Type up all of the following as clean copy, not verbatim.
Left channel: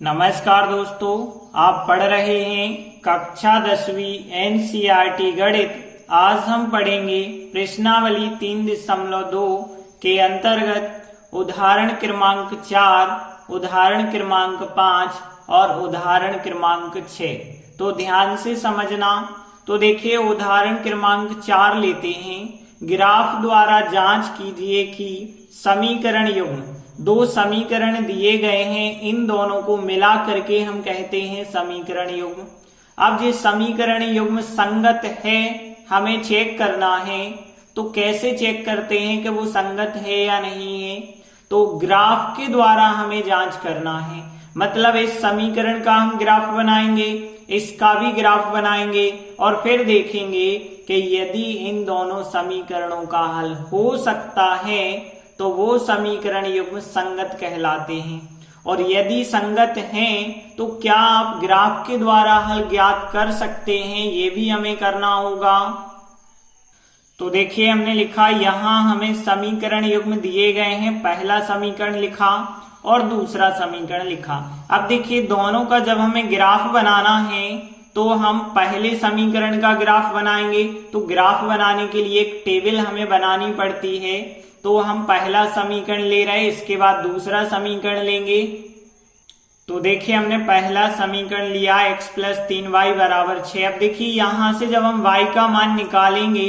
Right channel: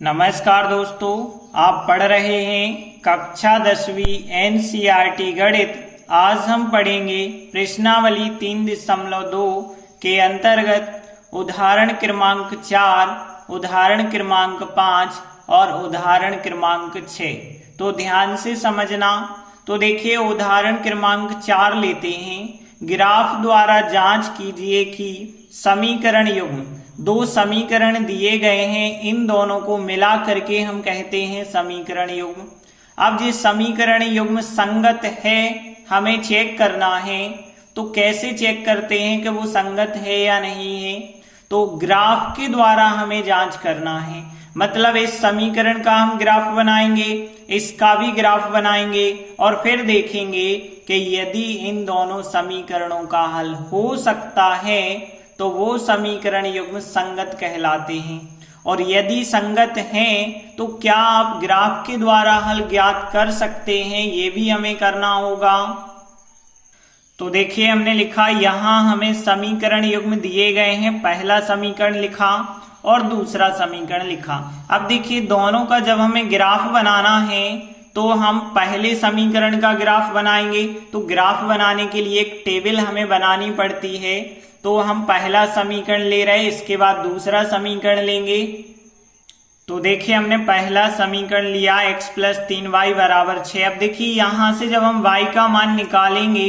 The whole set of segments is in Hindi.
नमस्कार दोस्तों, आप पढ़ रहे हैं कक्षा 10वीं एनसीईआरटी गणित। आज हम पढ़ेंगे प्रश्नावली 3.2 के अंतर्गत उदाहरण क्रमांक 4, उदाहरण क्रमांक 5 और उदाहरण क्रमांक 6। तो ध्यान से समझना। तो देखिए, उदाहरण क्रमांक 4 लेते हैं। ग्राफ द्वारा जांच कीजिए कि समीकरण युग्म, दो समीकरण दिए गए हैं, इन दोनों को मिला करके हम कहते हैं समीकरण युग्म। अब ये समीकरण युग्म संगत है, हमें चेक करना है। तो कैसे चेक करते हैं कि वो संगत है या नहीं है? तो ग्राफ के द्वारा हमें जांच करना है। मतलब इस समीकरण का हम ग्राफ बनाएंगे, इसका भी ग्राफ बनाएंगे और फिर देखेंगे कि यदि इन दोनों समीकरणों का हल हो सकता है तो वो समीकरण युग्म संगत कहलाते हैं। और यदि संगत हैं तो क्या आप ग्राफ के द्वारा हल ज्ञात कर सकते हैं, ये भी हमें करना होगा। तो देखिए, हमने लिखा, यहां हमें समीकरण युग्म दिए गए हैं। पहला समीकरण लिखा और दूसरा समीकरण लिखा। अब देखिए, दोनों का जब हमें ग्राफ बनाना है तो हम पहले समीकरण का ग्राफ बनाएंगे। तो ग्राफ बनाने के लिए एक टेबल हमें बनानी पड़ती है। तो हम पहला समीकरण ले रहे हैं, इसके बाद दूसरा समीकरण लेंगे। तो देखिए, हमने पहला समीकरण लिया x + 3y = 6। अब देखिए, यहां से जब हम y का मान निकालेंगे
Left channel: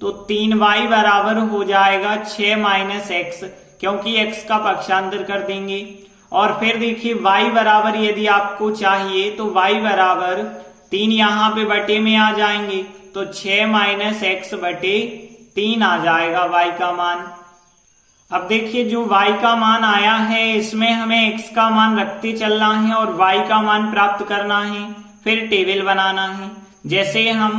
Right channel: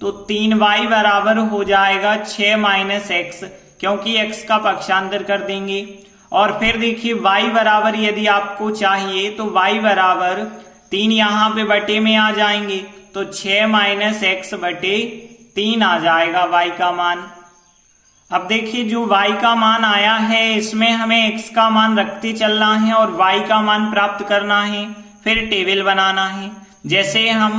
तो 3y बराबर हो जाएगा 6 - x, क्योंकि x का पक्षांतर कर देंगे। और फिर देखिए, y बराबर यदि आपको चाहिए तो y बराबर 3 यहाँ पे बटे में आ जाएंगे, तो 6 - x बटे 3 आ जाएगा y का मान। अब देखिए, जो y का मान आया है इसमें हमें x का मान रखते चलना है और y का मान प्राप्त करना है। फिर टेबल बनाना है। जैसे हम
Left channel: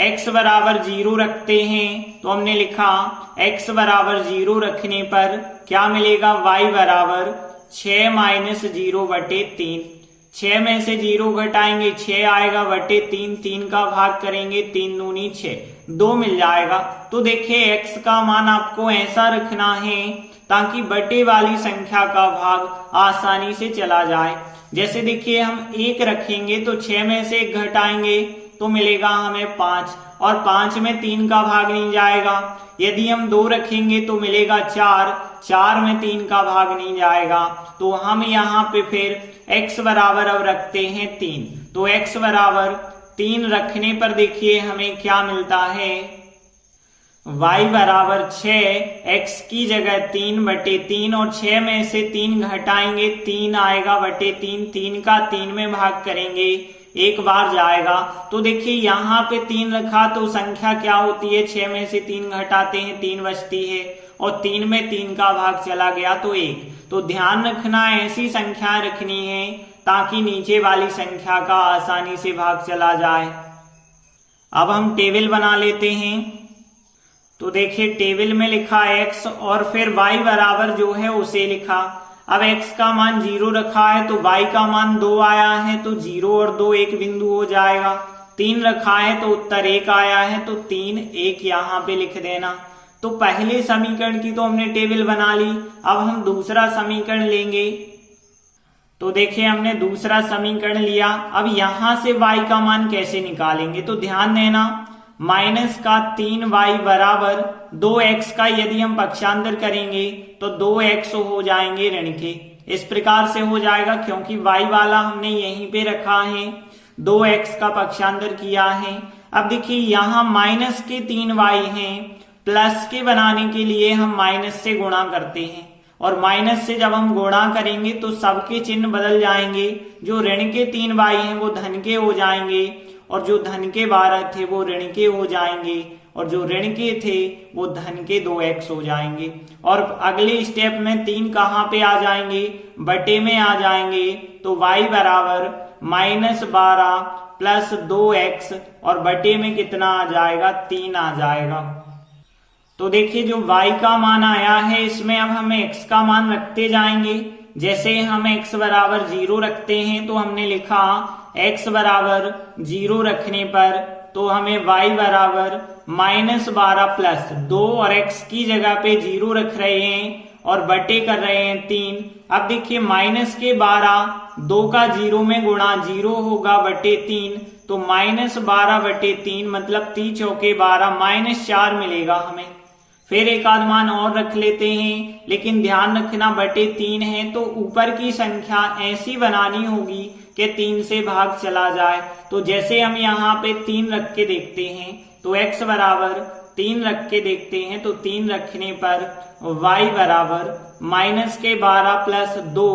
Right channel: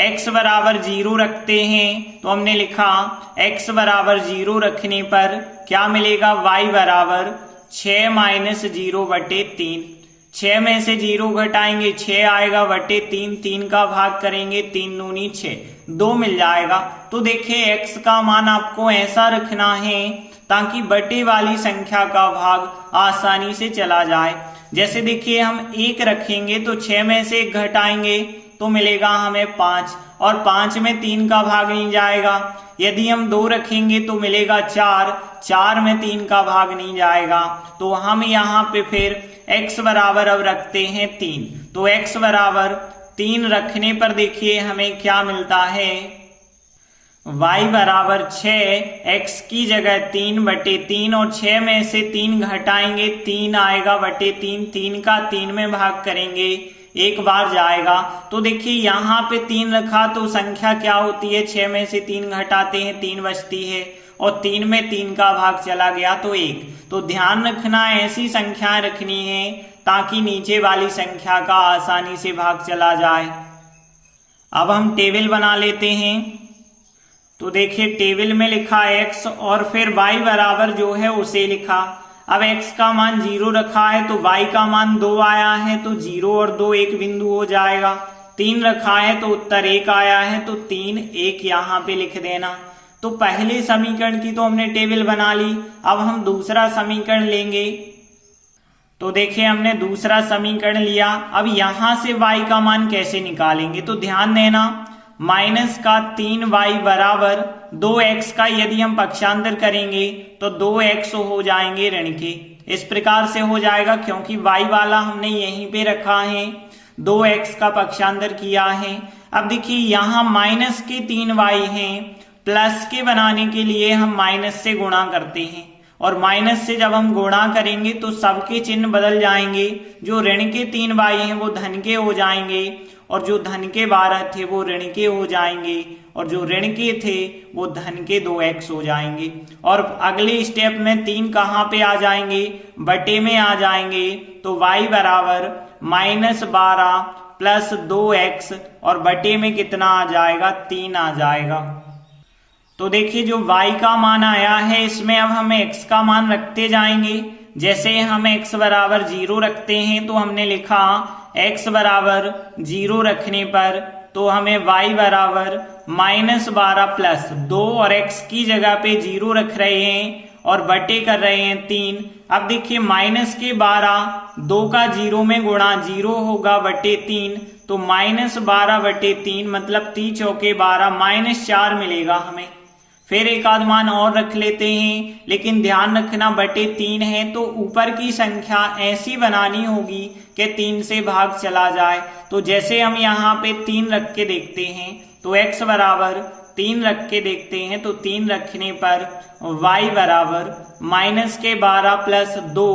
x बराबर 0 रखते हैं तो हमने लिखा x बराबर 0 रखने पर क्या मिलेगा, y बराबर 6 - 0 बटे 3। 6 में से 0 घटाएंगे, 6 आएगा बटे 3, 3 का भाग करेंगे, 3 दूनी 6, 2 मिल जाएगा। तो देखिए, x का मान आपको ऐसा रखना है ताकि बटे वाली संख्या का भाग आसानी से चला जाए। जैसे देखिए, हम 1 रखेंगे तो 6 में से 1 घटाएंगे तो मिलेगा हमें 5, और 5 में 3 का भाग नहीं जाएगा। यदि हम 2 रखेंगे तो मिलेगा 4, 4 में 3 का भाग नहीं जाएगा। तो हम यहाँ पे फिर x बराबर अब रखते हैं 3। तो x बराबर 3 रखने पर देखिए हमें क्या मिलता है, y बराबर 6, x की जगह 3 बटे 3, और 6 में से 3 घटाएंगे, 3 आएगा बटे 3, 3 का 3 में भाग करेंगे, एक बार जाएगा। तो देखिए, यहाँ पे 3 रखा तो संख्या क्या होती है, 6 में से 3 घटाते हैं, 3 बचती है, और 3 में 3 का भाग चला गया तो 1। तो ध्यान रखना, ऐसी संख्याएं रखनी है ताकि नीचे वाली संख्या का आसानी से भाग चला जाए। अब हम टेबल बना लेते हैं। तो देखिए, टेबल में लिखा x और फिर y बराबर जो है उसे लिखा। अब x का मान 0 रखा है तो y का मान 2 आया है, तो 0 और 2 एक बिंदु हो जाएगा। 3 रखा है तो उत्तर 1 आया है, तो 3, 1 यहाँ पे लिख देना। तो पहले समीकरण की तो हमने टेबल बना ली। अब हम दूसरा समीकरण लेंगे। तो देखिए, हमने दूसरा समीकरण लिया। अब यहां से y का मान कैसे निकालेंगे, तो ध्यान देना, -3y बराबर 2x का यदि हम पक्षांतर करेंगे तो 2x हो जाएंगे ऋण के। इस प्रकार से हो जाएगा, क्योंकि y वाला हमने यहीं पे रखा है, 2x का पक्षांतर किया है। अब देखिए, यहाँ माइनस के 3y हैं, प्लस के बनाने के लिए हम माइनस से गुणा करते हैं, और माइनस से जब हम गुणा करेंगे तो सबके चिन्ह बदल जाएंगे। जो ऋण के 3y हैं वो धन के हो जाएंगे, और जो धन के 12 थे वो ऋण के हो जाएंगे, और जो ऋण के थे वो धन के 2x हो जाएंगे। और अगले स्टेप में 3 कहाँ पे आ जाएंगे, बटे में आ जाएंगे। तो y बराबर -12 प्लस 2x, और बटे में कितना आ जाएगा, 3 आ जाएगा। तो देखिए, जो y का मान आया है इसमें अब हम x का मान रखते जाएंगे। जैसे हम x बराबर 0 रखते हैं तो हमने लिखा x बराबर 0 रखने पर तो हमें y बराबर -12 प्लस 2, और x की जगह पे 0 रख रहे हैं और बटे कर रहे हैं 3। अब देखिए माइनस के 12 2 का 0 में गुणा 0 होगा बटे 3, तो -12 बटे 3 मतलब 3 चौके 12 -4 मिलेगा हमें। फिर एक आध मान और रख लेते हैं, लेकिन ध्यान रखना बटे 3 है तो ऊपर की संख्या ऐसी बनानी होगी कि 3 से भाग चला जाए। तो जैसे हम यहाँ पे 3 रख के देखते हैं तो x बराबर 3 रख के देखते हैं, तो 3 रखने पर y बराबर -12 प्लस 2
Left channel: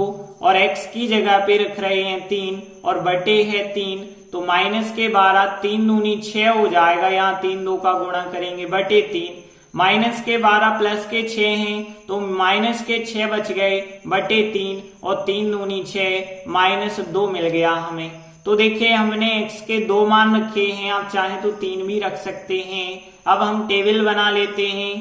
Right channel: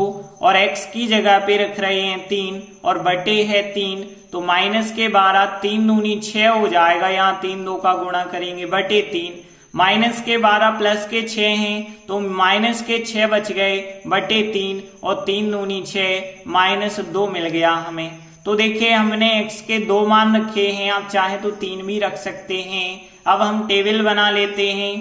और x की जगह पे रख रहे हैं 3 और बटे है 3, तो -12 3 दूनी 6 हो जाएगा, यहाँ 3 2 का गुणा करेंगे बटे 3। -12 प्लस के 6 हैं तो -6 बच गए बटे 3 और 3 दूनी 6 -2 मिल गया हमें। तो देखिए हमने x के 2 मान रखे हैं, आप चाहे तो 3 भी रख सकते हैं। अब हम टेबल बना लेते हैं।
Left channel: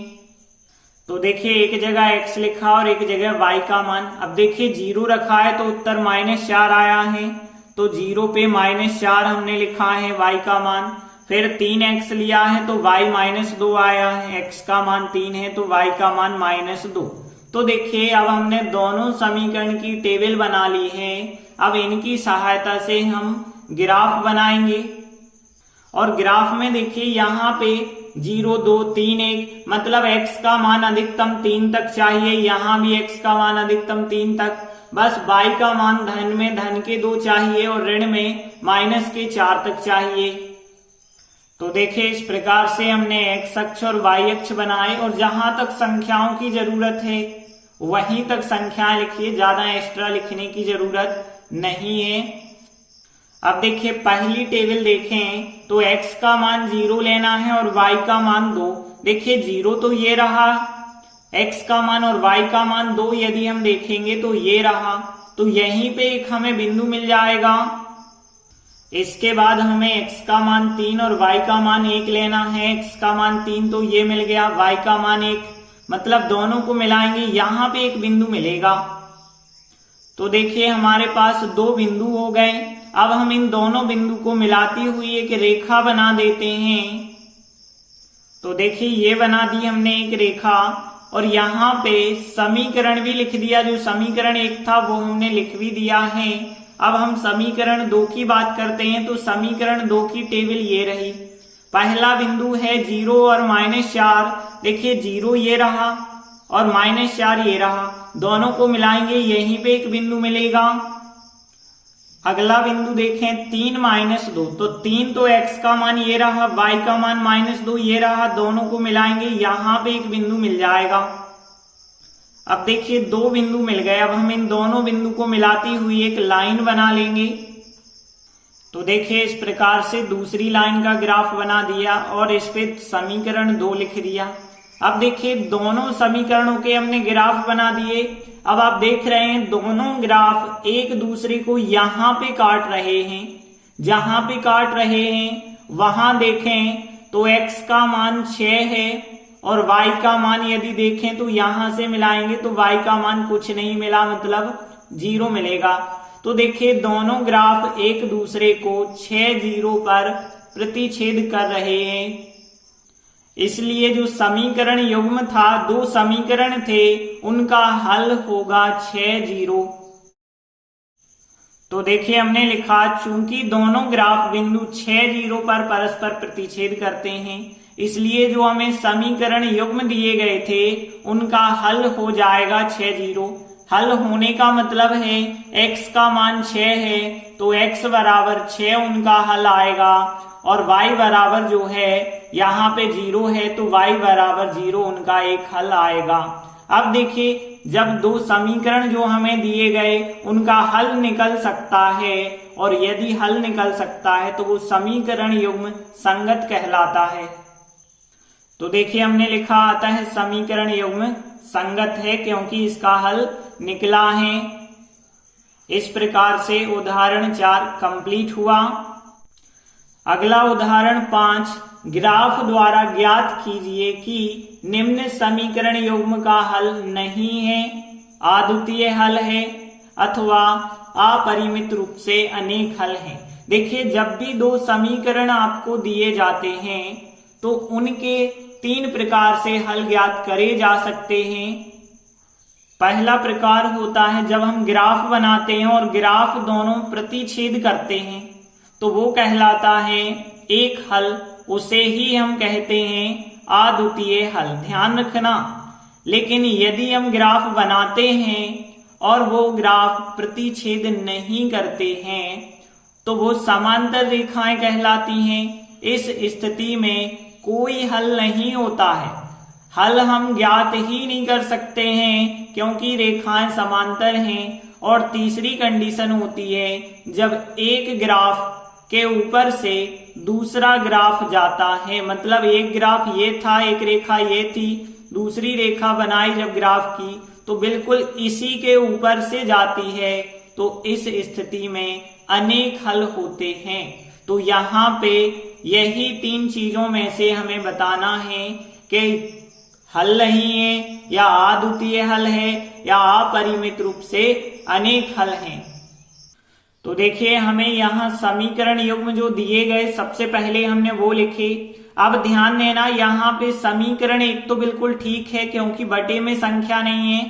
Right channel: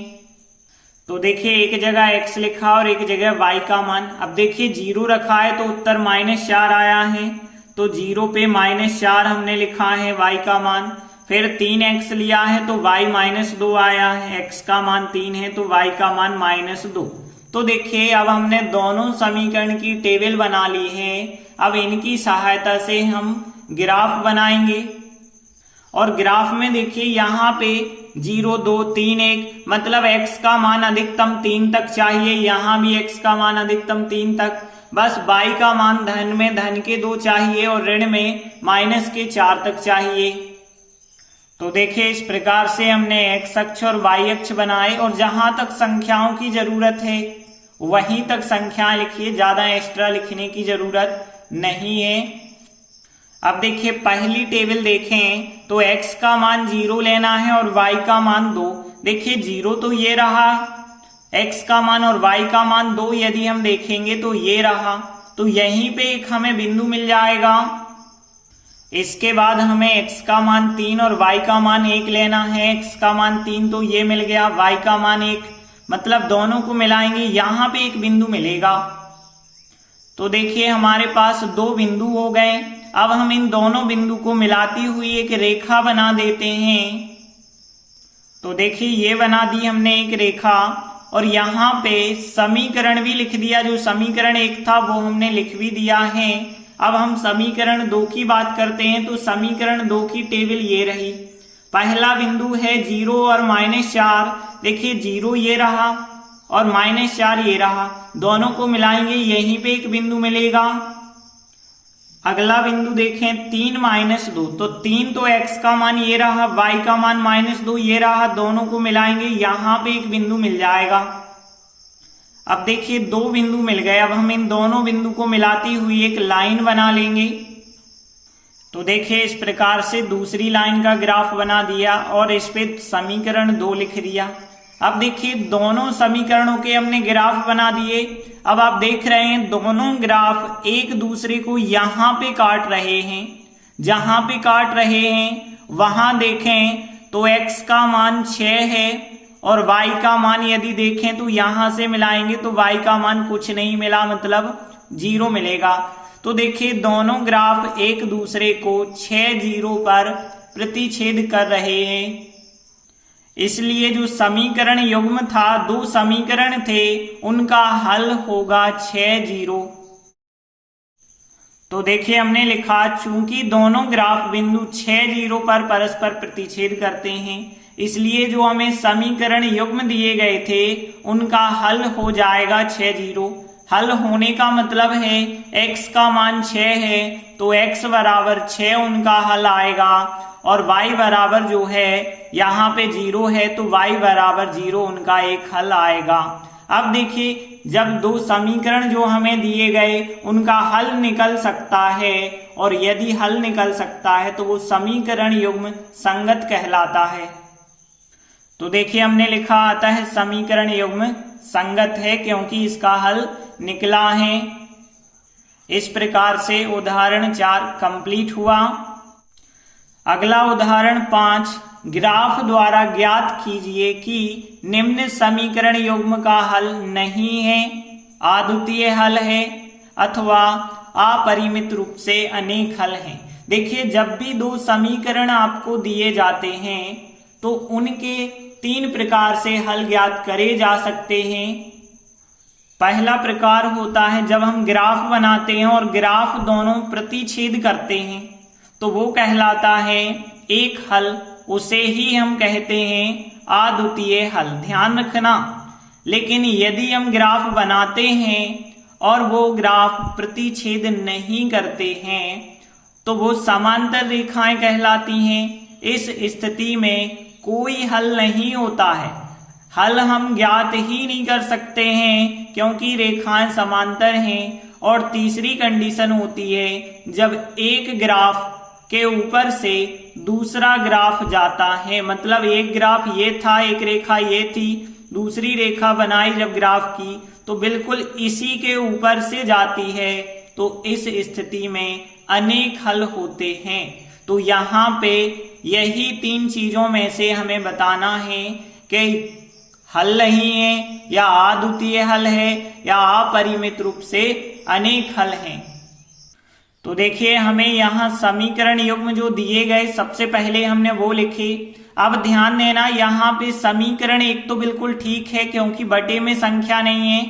तो देखिए एक जगह x लिखा और एक जगह y का मान। अब देखिए 0 रखा है तो उत्तर -4 आया है, तो 0 पे -4 हमने लिखा है y का मान। फिर 3x लिया है तो y -2 आया है, x का मान 3 है तो y का मान -2। तो देखिए अब हमने दोनों समीकरण की टेबल बना ली है। अब इनकी सहायता से हम ग्राफ बनाएंगे और ग्राफ में देखिए यहाँ पे 0 2 3 1 मतलब x का मान अधिकतम 3 तक चाहिए, यहाँ भी x का मान अधिकतम 3 तक। बस y का मान धन में धन के 2 चाहिए और ऋण में माइनस के 4 तक चाहिए। तो देखिए इस प्रकार से हमने x अक्ष और y अक्ष बनाए और जहां तक संख्याओं की जरूरत है वहीं तक संख्याएं लिखिए, ज्यादा एक्स्ट्रा लिखने की जरूरत नहीं है। अब देखिए पहली टेबल देखें तो x का मान 0 लेना है और y का मान 2। देखिए 0 तो ये रहा, x का मान और y का मान 2 यदि हम देखेंगे तो ये रहा, तो यहीं पे एक हमें बिंदु मिल जाएगा। इसके बाद हमें x का मान 3 और y का मान 1 लेना है। x का मान 3 तो ये मिल गया, y का मान 1 मतलब दोनों को मिलाएंगे यहाँ पे एक बिंदु मिलेगा। तो देखिए हमारे पास 2 बिंदु हो गए। अब हम इन दोनों बिंदु को मिलाती हुई एक रेखा बना देते हैं। तो देखिए ये बना दी हमने एक रेखा और यहाँ पे समीकरण भी लिख दिया, जो समीकरण 1 था वो हमने लिख भी दिया है। अब हम समीकरण 2 की बात करते हैं तो समीकरण 2 की टेबल ये रही। पहला बिंदु है 0 और -4। देखिए 0 ये रहा और -4 ये रहा, दोनों को मिलाएंगे यहीं पे एक बिंदु मिलेगा। अगला बिंदु देखें 3 -2, तो 3 तो x का मान ये रहा, y का मान -2 ये रहा, दोनों को मिलाएंगे यहाँ पे एक बिंदु मिल जाएगा। अब देखिए 2 बिंदु मिल गए। अब हम इन दोनों बिंदु को मिलाती हुई एक लाइन बना लेंगे। तो देखिए इस प्रकार से दूसरी लाइन का ग्राफ बना दिया और इस पे समीकरण 2 लिख दिया। अब देखिए दोनों समीकरणों के हमने ग्राफ बना दिए। अब आप देख रहे हैं दोनों ग्राफ एक दूसरे को यहाँ पे काट रहे हैं। जहां पे काट रहे हैं वहां देखें तो x का मान 6 है और y का मान यदि देखें तो यहां से मिलाएंगे तो y का मान कुछ नहीं मिला, मतलब 0 मिलेगा। तो देखिए दोनों ग्राफ एक दूसरे को 6 0 पर प्रतिच्छेद कर रहे हैं। इसलिए जो समीकरण युग्म था, 2 समीकरण थे, उनका हल होगा 6 0। तो देखिए हमने लिखा चूंकि दोनों ग्राफ बिंदु 6 0 पर परस्पर प्रतिच्छेद करते हैं, इसलिए जो हमें समीकरण युग्म दिए गए थे उनका हल हो जाएगा 6 0। हल होने का मतलब है x का मान 6 है तो x बराबर 6 उनका हल आएगा और y बराबर जो है यहाँ पे 0 है तो y बराबर 0 उनका एक हल आएगा। अब देखिए जब 2 समीकरण जो हमें दिए गए उनका हल निकल सकता है और यदि हल निकल सकता है तो वो समीकरण युग्म संगत कहलाता है। तो देखिए हमने लिखा आता है समीकरण युग्म संगत है क्योंकि इसका हल निकला है। इस प्रकार से उदाहरण 4 कंप्लीट हुआ। अगला उदाहरण 5, ग्राफ द्वारा ज्ञात कीजिए कि निम्न समीकरण युग्म का हल नहीं है, अद्वितीय हल है अथवा अपरिमित रूप से अनेक हल हैं। देखिए जब भी 2 समीकरण आपको दिए जाते हैं तो उनके 3 प्रकार से हल ज्ञात करे जा सकते हैं। पहला प्रकार होता है जब हम ग्राफ बनाते हैं और ग्राफ दोनों प्रतिच्छेद करते हैं तो वो कहलाता है एक हल, उसे ही हम कहते हैं अद्वितीय हल। ध्यान रखना। लेकिन यदि हम ग्राफ बनाते हैं और वो ग्राफ प्रतिच्छेद नहीं करते हैं तो वो समांतर रेखाएं कहलाती हैं। इस स्थिति में कोई हल नहीं होता है। हल हम ज्ञात ही नहीं कर सकते हैं क्योंकि रेखाएं समांतर हैं। और तीसरी कंडीशन होती है जब एक ग्राफ के ऊपर से दूसरा ग्राफ जाता है, मतलब एक ग्राफ ये था, एक रेखा ये थी, दूसरी रेखा बनाई जब ग्राफ की तो बिल्कुल इसी के ऊपर से जाती है, तो इस स्थिति में अनेक हल होते हैं। तो यहाँ पे यही तीन चीजों में से हमें बताना है कि हल नहीं है या अद्वितीय हल है या अपरिमित रूप से अनेक हल हैं। तो देखिए हमें यहाँ समीकरण युग्म जो दिए गए सबसे पहले हमने वो लिखे। अब ध्यान देना, यहाँ पे समीकरण एक तो बिल्कुल ठीक है क्योंकि बटे में संख्या नहीं है,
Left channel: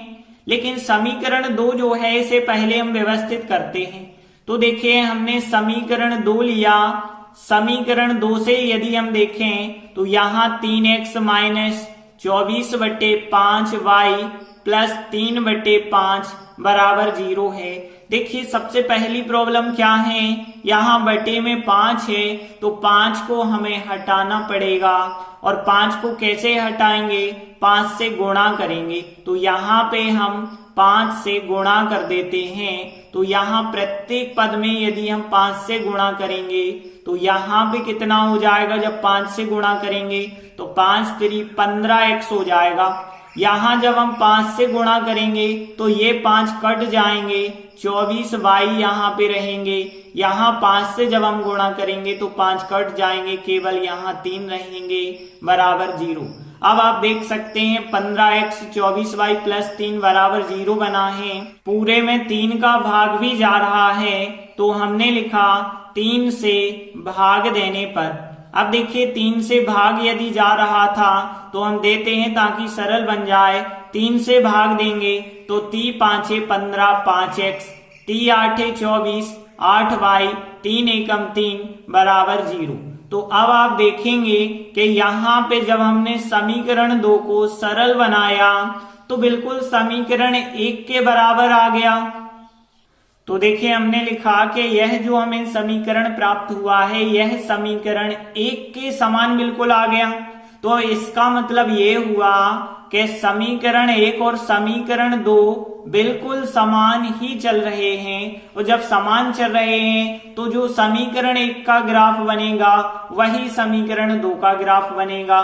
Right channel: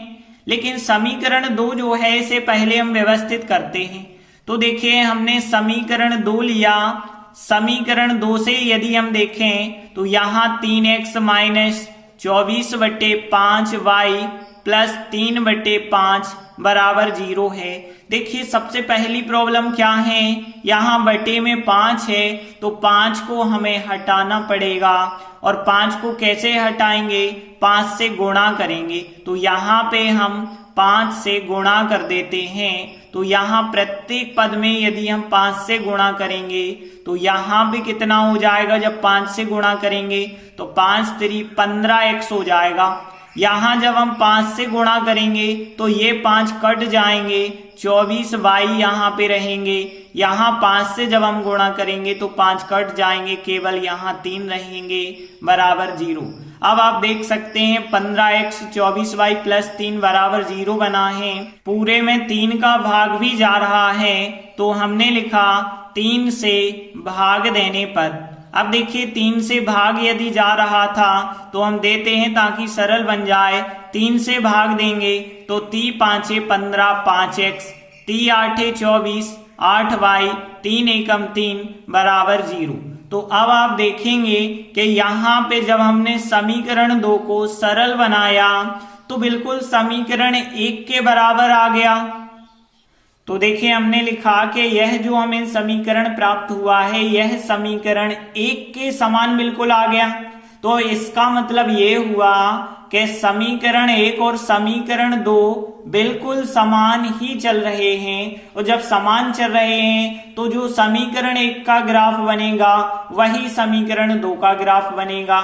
लेकिन समीकरण 2 जो है इसे पहले हम व्यवस्थित करते हैं। तो देखिए हमने समीकरण 2 लिया। समीकरण 2 से यदि हम देखें तो यहाँ 3x माइनस 24/5y प्लस 3/5 बराबर 0 है। देखिए सबसे पहली प्रॉब्लम क्या है, यहाँ बटे में 5 है तो 5 को हमें हटाना पड़ेगा। और 5 को कैसे हटाएंगे, 5 से गुणा करेंगे। तो यहाँ पे हम 5 से गुणा कर देते हैं। तो यहाँ प्रत्येक पद में यदि हम 5 से गुणा करेंगे तो यहाँ पे कितना हो जाएगा, जब 5 से गुणा करेंगे तो 5 3 15x हो जाएगा। यहाँ जब हम 5 से गुणा करेंगे तो ये 5 कट जाएंगे, 24y यहाँ पे रहेंगे। यहाँ 5 से जब हम गुणा करेंगे तो 5 कट जाएंगे, केवल यहाँ 3 रहेंगे बराबर 0। अब आप देख सकते हैं 15x 24y प्लस 3 बराबर 0 बना है। पूरे में 3 का भाग भी जा रहा है तो हमने लिखा 3 से भाग देने पर। अब देखिए 3 से भाग यदि जा रहा था तो हम देते हैं ताकि सरल बन जाए। 3 से भाग देंगे तो 3 5 15 5x, 3 8 24 8y, 3 एकम 3 बराबर 0। तो अब आप देखेंगे कि यहाँ पे जब हमने समीकरण 2 को सरल बनाया तो बिल्कुल समीकरण 1 के बराबर आ गया। तो देखिए हमने लिखा कि यह जो हमें समीकरण प्राप्त हुआ है यह समीकरण 1 के समान बिल्कुल आ गया। तो इसका मतलब ये हुआ कि समीकरण 1 और समीकरण 2 बिल्कुल समान ही चल रहे हैं। और जब समान चल रहे हैं तो जो समीकरण 1 का ग्राफ बनेगा वही समीकरण 2 का ग्राफ बनेगा।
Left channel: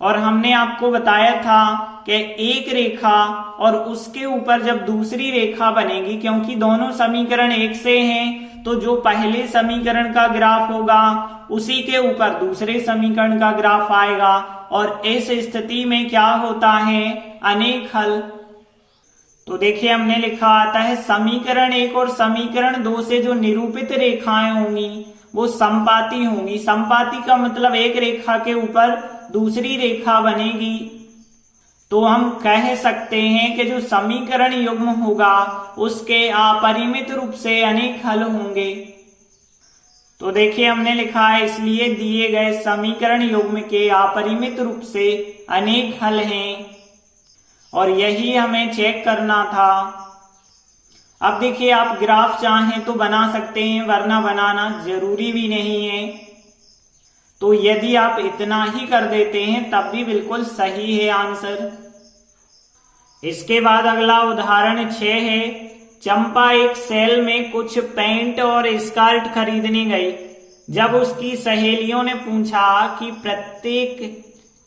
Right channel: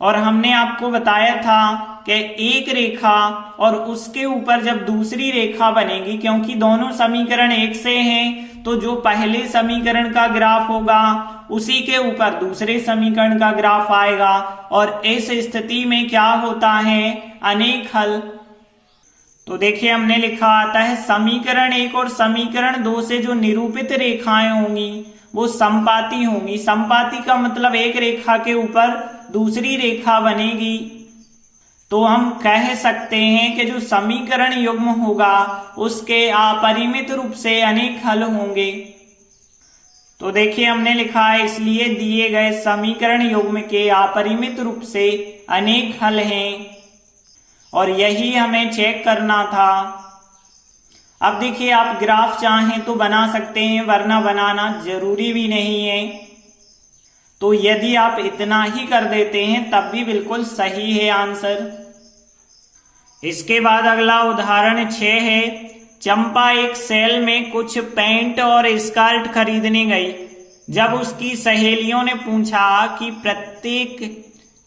और हमने आपको बताया था कि एक रेखा और उसके ऊपर जब दूसरी रेखा बनेगी, क्योंकि दोनों समीकरण एक से हैं, तो जो पहले समीकरण का ग्राफ होगा उसी के ऊपर दूसरे समीकरण का ग्राफ आएगा। और इस स्थिति में क्या होता है, अनेक हल। तो देखिए हमने लिखा आता है समीकरण 1 और समीकरण 2 से जो निरूपित रेखाएं होंगी वो समपाती होंगी। समपाती का मतलब एक रेखा के ऊपर दूसरी रेखा बनेगी। तो हम कह सकते हैं कि जो समीकरण युग्म होगा उसके अपरिमित रूप से अनेक हल होंगे। तो देखिए हमने लिखा है इसलिए दिए गए समीकरण युग्म के अपरिमित रूप से अनेक हल हैं और यही हमें चेक करना था। अब देखिए आप ग्राफ चाहें तो बना सकते हैं, वरना बनाना जरूरी भी नहीं है। तो यदि आप इतना ही कर देते हैं तब भी बिल्कुल सही है आंसर। इसके बाद अगला उदाहरण 6 है। चंपा एक सेल में कुछ पैंट और स्कर्ट खरीदने गई। जब उसकी सहेलियों ने पूछा कि प्रत्येक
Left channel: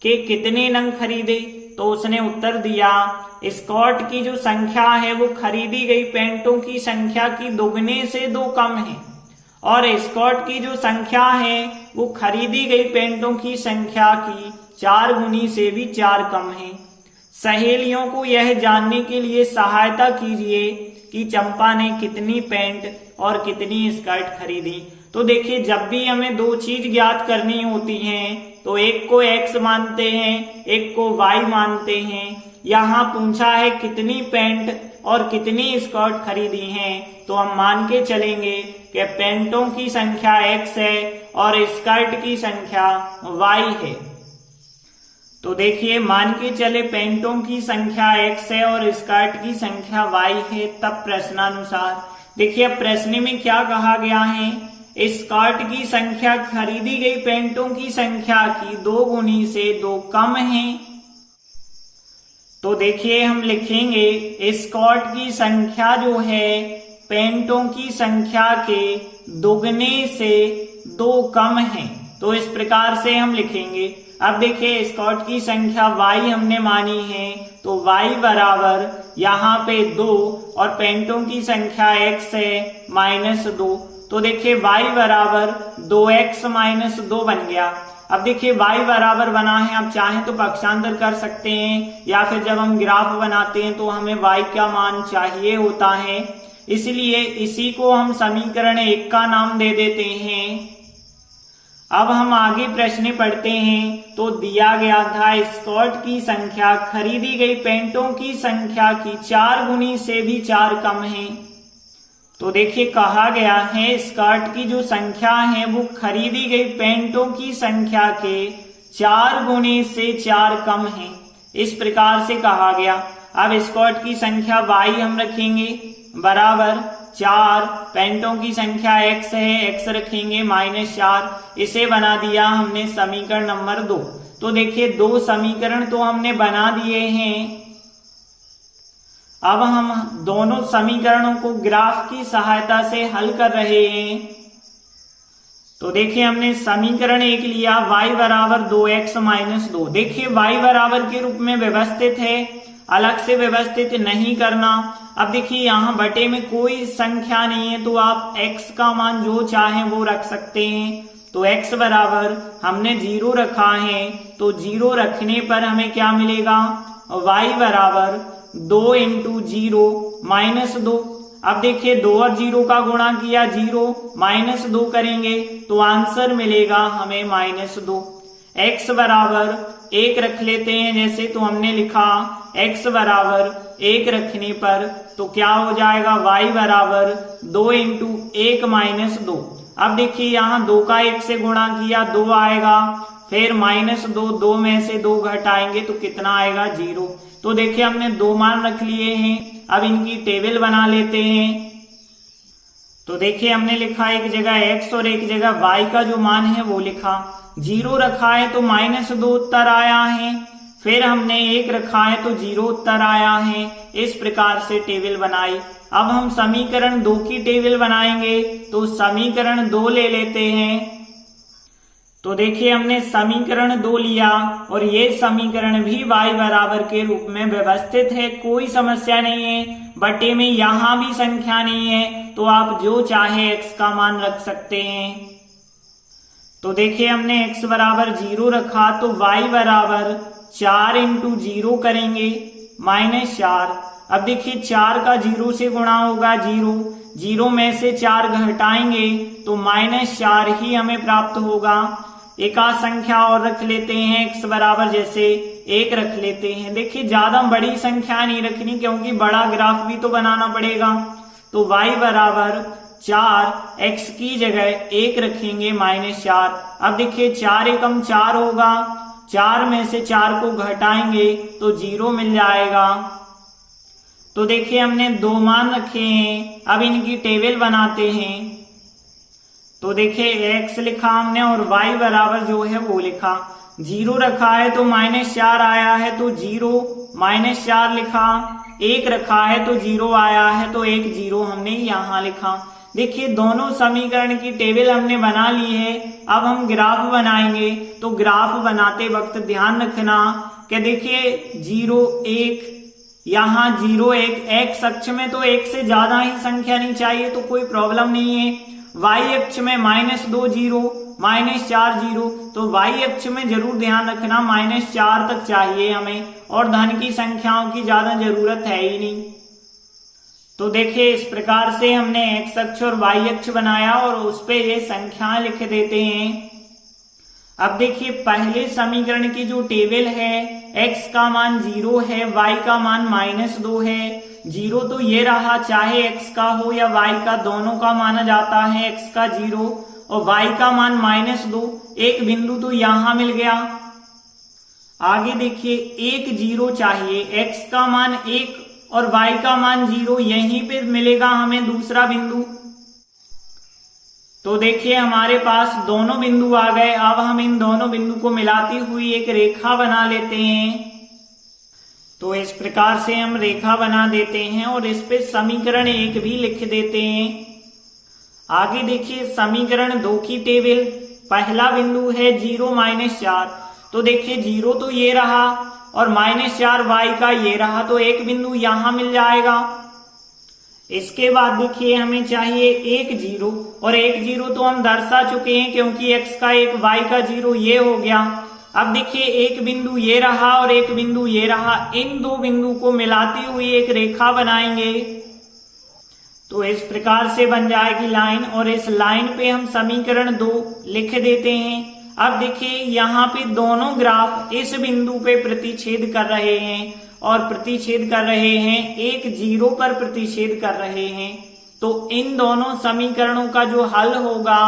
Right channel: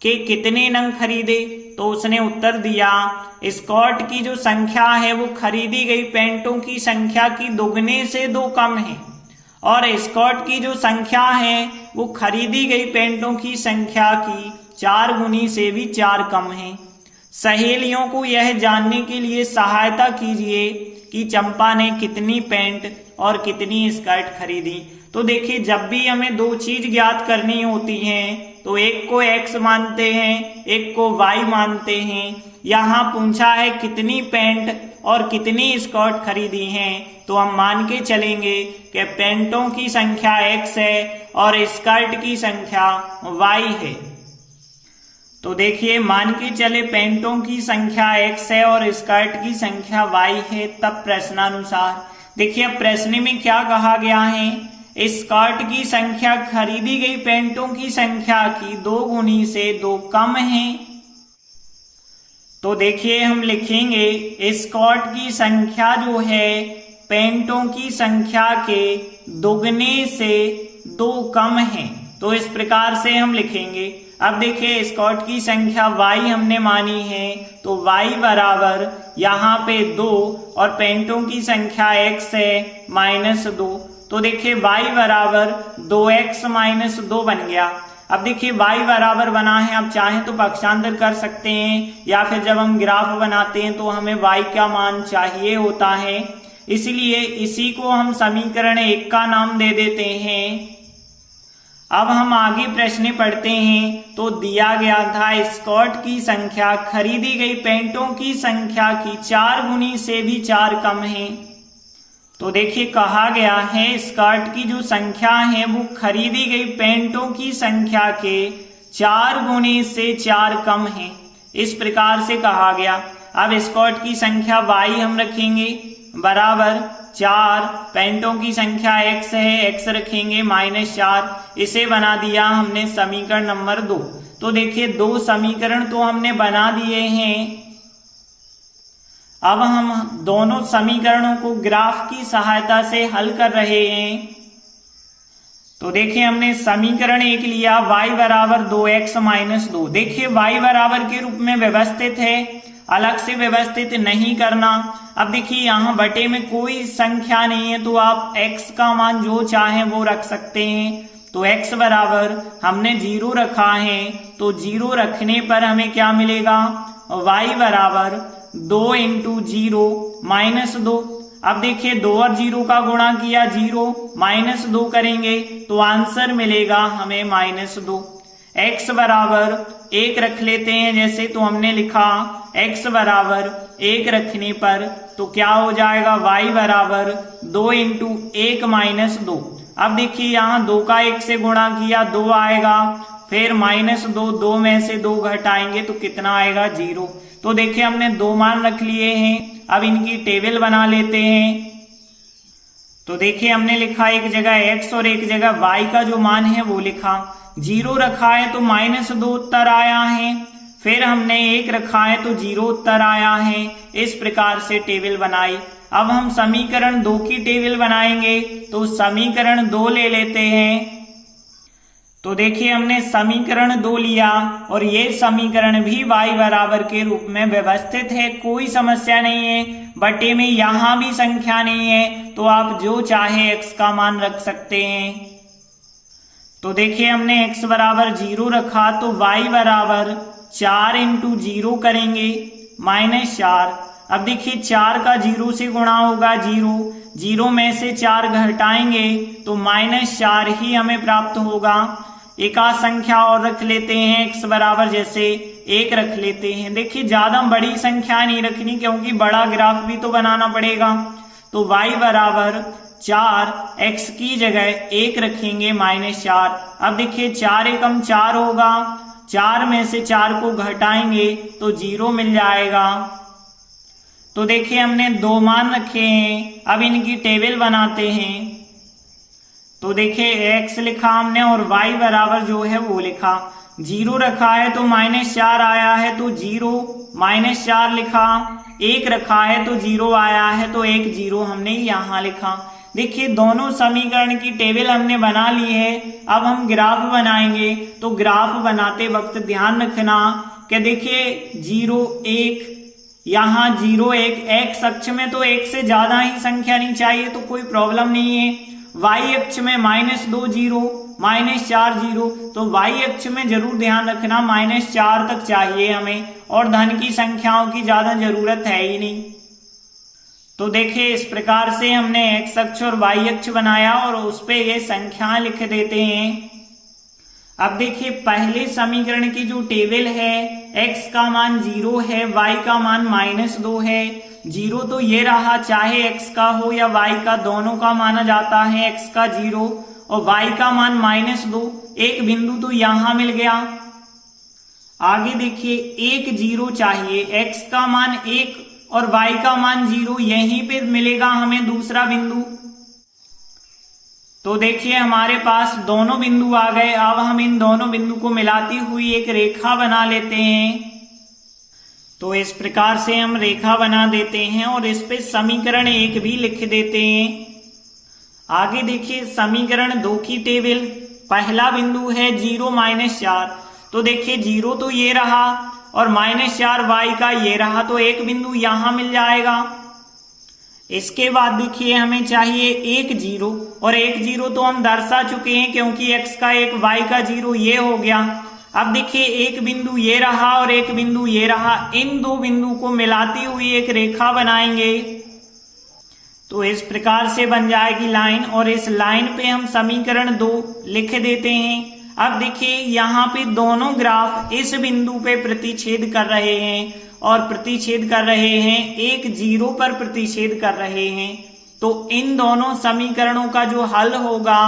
के कितने नंग खरीदे तो उसने उत्तर दिया स्कर्ट की जो संख्या है वो खरीदी गई पैंटों की संख्या की दोगुने से 2 कम है और स्कर्ट की जो संख्या है वो खरीदी गई पैंटों की संख्या की 4 गुनी से भी 4 कम है। सहेलियों को यह जानने के लिए सहायता कीजिए कि चंपा ने कितनी पैंट और कितनी स्कर्ट खरीदी। तो देखिए जब भी हमें 2 चीज ज्ञात करनी होती हैं तो एक को x मानते हैं, एक को y मानते हैं। यहाँ पूछा है कितनी पैंट और कितनी स्कर्ट खरीदी हैं, तो हम मान के चलेंगे कि पैंटों की संख्या x है और स्कर्ट की संख्या y है। तो देखिए मान के चले पैंटों की संख्या x है और स्कर्ट की संख्या y है, तब प्रश्नानुसार देखिए अब प्रश्न में क्या कहा गया है, स्कर्ट की संख्या खरीदी गई पैंटों की संख्या की 2 गुनी से 2 कम है। तो देखिए हम लिखेंगे स्कर्ट की संख्या जो है पैंटों की संख्या के दोगुने से 2 कम है, तो इस प्रकार से हम लिखेंगे। अब देखिए स्कर्ट की संख्या y हमने मानी है, तो y बराबर यहाँ पे 2 और पैंटों की संख्या x है -2, तो देखिए y बराबर 2x - 2 बन गया। अब देखिए y बराबर बना है, आप चाहें तो पक्षांतर कर सकते हैं या फिर जब हम ग्राफ बनाते हैं तो हमें y का मान चाहिए होता है, इसलिए इसी को हम समीकरण 1 का नाम दे देते हैं। अब हम आगे प्रश्न पढ़ते हैं। तो दिया गया था स्कर्ट की संख्या खरीदी गई पैंटों की संख्या की 4 गुनी से भी 4 कम है। तो देखिए कहा गया है स्कर्ट की जो संख्या है वो खरीदी गई पैंटों की संख्या के 4 गुनी से 4 कम है, इस प्रकार से कहा गया। अब स्कर्ट की संख्या y हम रखेंगे बराबर 4, पैंटों की संख्या x है, x रखेंगे -4, इसे बना दिया हमने समीकरण नंबर 2। तो देखिए 2 समीकरण तो हमने बना दिए हैं। अब हम दोनों समीकरणों को ग्राफ की सहायता से हल कर रहे हैं। तो देखिए हमने समीकरण 1 लिया y बराबर 2x - 2, देखिए y बराबर के रूप में व्यवस्थित है, अलग से व्यवस्थित नहीं करना। अब देखिए यहाँ बटे में कोई संख्या नहीं है, तो आप x का मान जो चाहे वो रख सकते हैं। तो x बराबर हमने 0 रखा है, तो 0 रखने पर हमें क्या मिलेगा, y बराबर 2 × 0 -2। अब देखिए 2 और 0 का गुणा किया 0 -2 करेंगे तो आंसर मिलेगा हमें -2। x बराबर 1 रख लेते हैं जैसे, तो हमने लिखा x बराबर 1 रखने पर तो क्या हो जाएगा, y बराबर 2 × 1 - 2। अब देखिए यहाँ 2 का 1 से गुणा किया 2 आएगा, फिर -2, 2 में से 2 घटाएंगे तो कितना आएगा, 0। तो देखिए हमने 2 मान रख लिए हैं, अब इनकी टेबल बना लेते हैं। तो देखिए हमने लिखा एक जगह x और एक जगह y का जो मान है वो लिखा, 0 रखा है तो -2 उत्तर आया है, फिर हमने 1 रखा है तो 0 उत्तर आया है, इस प्रकार से टेबल बनाई। अब हम समीकरण 2 की टेबल बनाएंगे, तो समीकरण 2 ले लेते हैं। तो देखिए हमने समीकरण 2 लिया और ये समीकरण भी y बराबर के रूप में व्यवस्थित है, कोई समस्या नहीं है, बटे में यहां भी संख्या नहीं है, तो आप जो चाहे x का मान रख सकते हैं। तो देखिए हमने x बराबर 0 रखा तो y बराबर 4 × 0 करेंगे -4। अब देखिए 4 का 0 से गुणा होगा 0, 0 में से 4 घटाएंगे तो -4 ही हमें प्राप्त होगा। एक आध संख्या और रख लेते हैं, x बराबर जैसे 1 रख लेते हैं। देखिए ज्यादा बड़ी संख्या नहीं रखनी क्योंकि बड़ा ग्राफ भी तो बनाना पड़ेगा। तो y बराबर 4, x की जगह 1 रखेंगे -4। अब देखिए 4 एकम 4 होगा, 4 में से 4 को घटाएंगे तो 0 मिल जाएगा। तो देखिए हमने 2 मान रखे हैं, अब इनकी टेबल बनाते हैं। तो देखिए x लिखा हमने और y बराबर जो है वो लिखा, 0 रखा है तो -4 आया है तो 0 -4 लिखा, 1 रखा है तो 0 आया है तो 1 0 हमने यहाँ लिखा। देखिए दोनों समीकरण की टेबल हमने बना ली है। अब हम ग्राफ बनाएंगे, तो ग्राफ बनाते वक्त ध्यान रखना कि देखिए 0 1, यहाँ 0 1, x अक्ष में तो 1 से ज्यादा ही संख्या नहीं चाहिए तो कोई प्रॉब्लम नहीं है। y अक्ष में -2 0, -4 0, तो y अक्ष में जरूर ध्यान रखना -4 तक चाहिए हमें, और धन की संख्याओं की ज्यादा जरूरत है ही नहीं। तो देखिए इस प्रकार से हमने x अक्ष और y अक्ष बनाया और उस पे ये संख्या लिख देते हैं। अब देखिए पहले समीकरण की जो टेबल है, x का मान 0 है, y का मान -2 है। 0 तो ये रहा, चाहे x का हो या y का, दोनों का माना जाता है x का 0 और y का मान -2। एक बिंदु तो यहां मिल गया। आगे देखिए एक 0 चाहिए, x का मान 1 और y का मान 0, यहीं पे मिलेगा हमें दूसरा बिंदु। तो देखिए हमारे पास दोनों बिंदु आ गए। अब हम इन दोनों बिंदु को मिलाती हुई एक रेखा बना लेते हैं। तो इस प्रकार से हम रेखा बना देते हैं और इस पे समीकरण 1 भी लिख देते हैं। आगे देखिए समीकरण 2 की टेबल, पहला बिंदु है 0 -4। तो देखिए 0 तो ये रहा और -4 y का ये रहा, तो एक बिंदु यहां मिल जाएगा। इसके बाद देखिए हमें चाहिए एक 0 और एक 0 तो हम दर्शा चुके हैं क्योंकि x का 1 y का 0 ये हो गया। अब देखिए एक बिंदु ये रहा और एक बिंदु ये रहा, इन दो बिंदु को मिलाती हुई एक रेखा बनाएंगे। तो इस प्रकार से बन जाएगी लाइन और इस लाइन पे हम समीकरण 2 लिख देते हैं। अब देखिए यहाँ पे दोनों ग्राफ इस बिंदु पे प्रतिच्छेद कर रहे हैं और प्रतिच्छेद कर रहे हैं, एक 0 पर प्रतिच्छेद कर रहे हैं। तो इन दोनों समीकरणों का जो हल होगा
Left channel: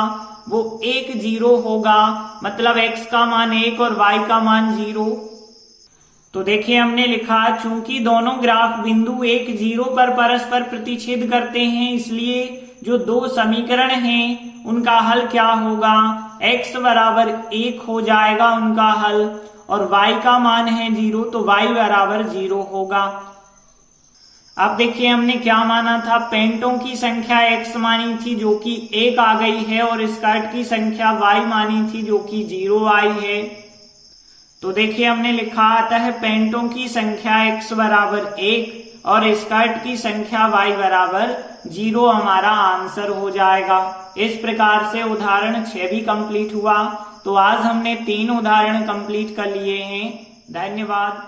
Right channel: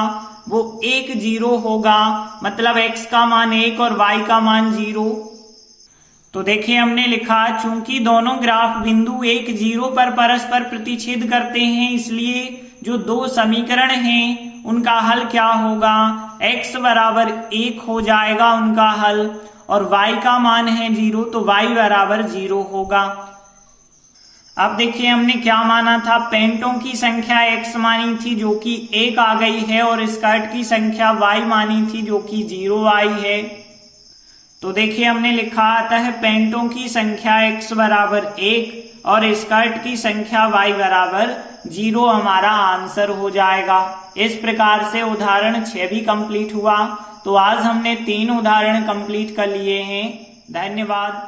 वो 1 0 होगा, मतलब x का मान 1 और y का मान 0। तो देखिए हमने लिखा, चूंकि दोनों ग्राफ बिंदु 1 0 पर परस्पर प्रतिच्छेद करते हैं, इसलिए जो दो समीकरण हैं उनका हल क्या होगा, x बराबर 1 हो जाएगा उनका हल और y का मान है 0, तो y बराबर 0 होगा। अब देखिए हमने क्या माना था, पेंटों की संख्या x मानी थी जो कि 1 आ गई है और स्कर्ट की संख्या y मानी थी जो कि 0 आई है। तो देखिए हमने लिखा आता है पेंटों की संख्या x बराबर 1 और स्कर्ट की संख्या y बराबर 0 हमारा आंसर हो जाएगा। इस प्रकार से उदाहरण 6 भी कंप्लीट हुआ। तो आज हमने 3 उदाहरण कंप्लीट कर लिए हैं। धन्यवाद।